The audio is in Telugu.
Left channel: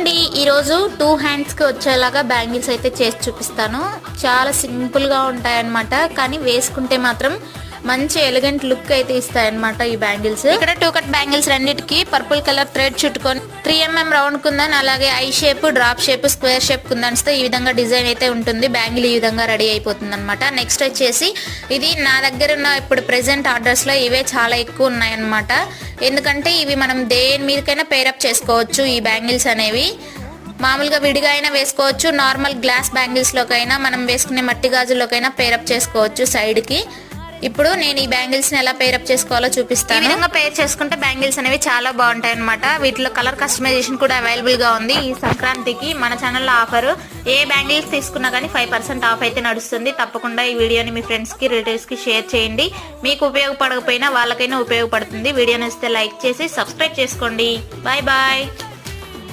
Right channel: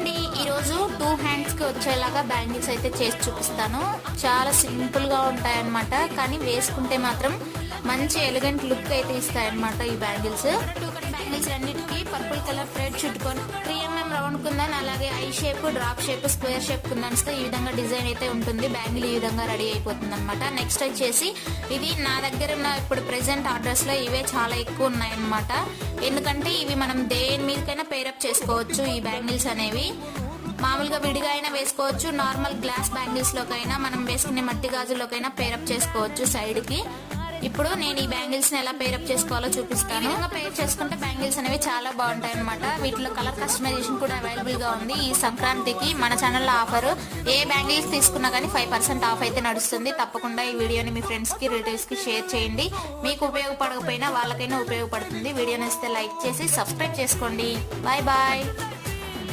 హాయ్ అండి, ఈరోజు 2 హ్యాండ్స్కి వచ్చేలాగా బ్యాంగిల్స్ అయితే చేసి చూపిస్తాను. చాలా సింపుల్గా ఉంటాయన్నమాట, కానీ వేసుకుంటే మాత్రం మంచి ఎలిగెంట్ లుక్ అయితే ఇస్తాయన్నమాట ఈ బ్యాంగిల్స్. ఇక్కడ 2 కట్ బ్యాంగిల్స్ రెండింటికి పర్పుల్ కలర్ థ్రెడ్ చుట్టుకొని 3mm రౌండ్ కుందన్, అలాగే I shape, drop shape, square shape కుందన్స్ తో ఈ విధంగా డిజైన్ అయితే ఉంటుంది. బ్యాంగిల్ ఈ విధంగా రెడీ అయిపోతుంది అనమాట. నెక్స్ట్ వచ్చేసి ఇది నా దగ్గర ఉన్న ఇప్పుడు ప్రెసెంట్ ఆర్డర్స్ లో ఇవే చాలా ఎక్కువ ఉన్నాయన్నమాట. ఎందుకంటే ఇవి మనం దేని మీదకైనా పేరప్ చేసుకోవచ్చు. ఈ బ్యాంగిల్స్ అనేవి మామూలుగా విడిగా అయినా వేసుకోవచ్చు, నార్మల్ గ్లాస్ బ్యాంగిల్స్ లోకైనా మనం వేసుకునే మట్టి గాజుల్లోకైనా పేరప్ చేసుకోవచ్చు సైడ్ కి. ఇప్పుడు నేను ఈ బ్యాంగిల్స్ ని ఎలా పేరప్ చేసుకోవాలో చూపిస్తాను. ఈ విధంగా పేర్ చేసుకుంటే బ్యాంగిల్స్ అనేవి చాలా బాగుంటాయి అనమాట. వీటిలో కలర్ కస్టమైజేషన్ కూడా అవైలబుల్ గా ఉంది. ఈ సంక్రాంతికి మన ఛానల్లో ఆఫర్, ఏ బ్యాంగిల్స్ తీసుకున్నా కానీ 5% ఆఫ్ అయితే నడుస్తుంది. తప్పకుండా ఈ వీడియోని మీ ఫ్రెండ్స్ కి, రిలేటివ్స్ కి షేర్ చేయండి. మీకు ఉపయోగపడకపోయినా వాళ్ళకైనా ఉపయోగపడుతుంది. వీడియోని ఇస్తే లైక్ చేసి సబ్స్క్రైబ్ చేసుకోండి. Bye bye.